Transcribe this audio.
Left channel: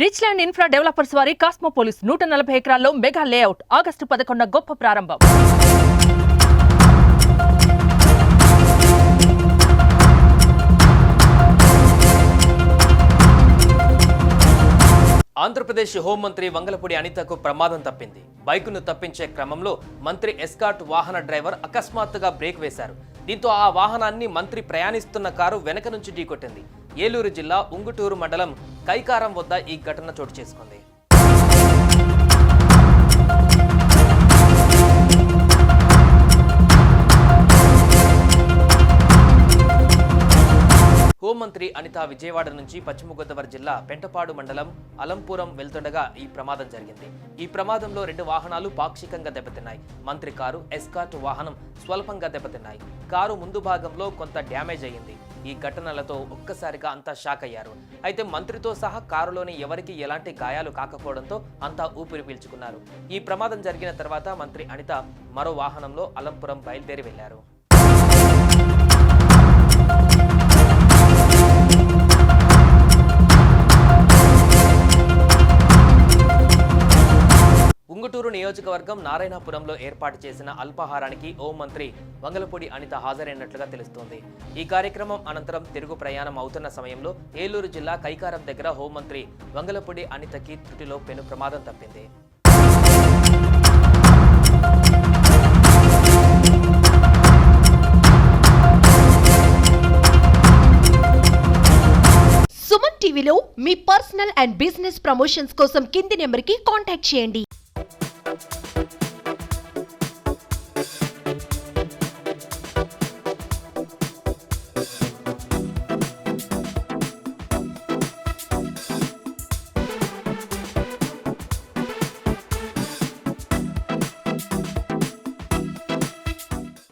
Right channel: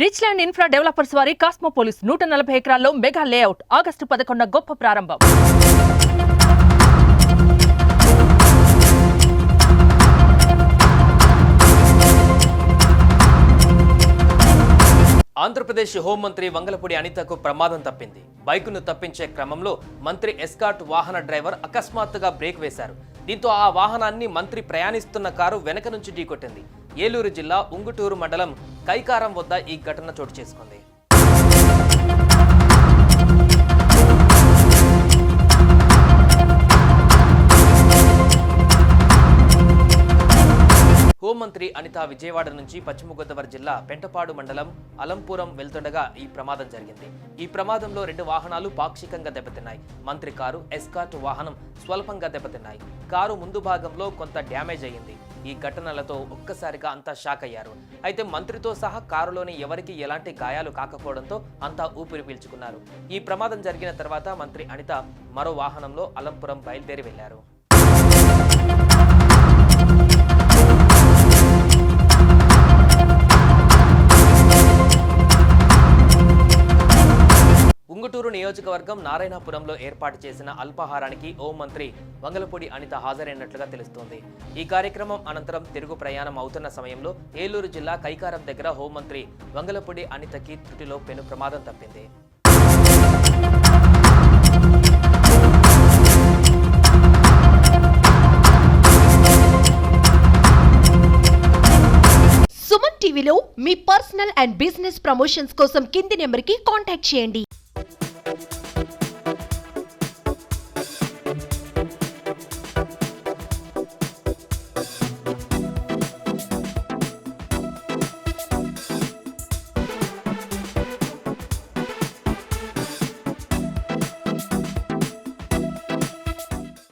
Rich land infra developers వారి కాస్మోపోలిస్ 140 ఎకరాల్లో mega layout August 11 గొప్ప ప్రారంభం. ఆంధ్రప్రదేశ్ హోంమంత్రి వంగలపూడి అనితకు ప్రమాదం తప్పింది. బైకును తప్పించే క్రమంలో మంత్రి ఎస్కార్ట్ వాహన డ్రైవర్ అకస్మాత్తుగా బ్రేక్ వేశారు. దీంతో ఆ వాహనాన్ని మంత్రి ప్రయాణిస్తున్న కారు వెనక నుంచి ఢీకొట్టింది. ఏలూరు జిల్లా ఉంగుటూరు మండలం కైకారం వద్ద ఈ ఘటన చోటు చేసుకుంది. హోంమంత్రి అనిత విజయవాడ నుంచి పశ్చిమ గోదావరి జిల్లా పెంటపాడు మండలం అలంపురం వెళ్తుండగా ఈ ప్రమాదం జరిగింది. ఈ ప్రమాదంలో 2 వాహనాలు పాక్షికంగా దెబ్బతిన్నాయి. మంత్రి కారు, ఎస్కార్ట్ వాహనం స్వల్పంగా దెబ్బతిన్నాయి. కారు ముందు భాగంలో కొంత డ్యామేజ్ అయ్యింది. ఈ ఘటనలతో ఒక్కసారిగా అంతా షాక్ అయ్యారు. అయితే మంత్రితో సహా కారులోని ఎవరికి ఎలాంటి గాయాలు కాకపోవడంతో అంతా ఊపిరి పీల్చుకున్నారు. ఈ ప్రమాదం జరిగిన తర్వాత మంత్రి అనిత మరో వాహనంలో అలంపురం బయలుదేరి వెళ్లారు. ఉంగుటూరు నియోజకవర్గం నారాయణపురంలో ఏర్పాటు చేసిన అల్పాహారానికి హోంమంత్రి వంగలపూడి అనిత హాజరైనట్లుగా తెలుస్తోంది. ఈ కార్యక్రమం అనంతరం తిరుగు ప్రయాణం అవుతున్న సమయంలో ఏలూరు జిల్లా కైకారం దగ్గర హోంమంత్రి వంగలపూడి అనితకి త్రుటిలో పెను ప్రమాదం తప్పింది. సుమన్ టీవీలో మీ పర్సనల్ అండ్ బిజినెస్ ప్రమోషన్స్ కోసం కింది నెంబర్కి కాంటాక్ట్ చేయండి.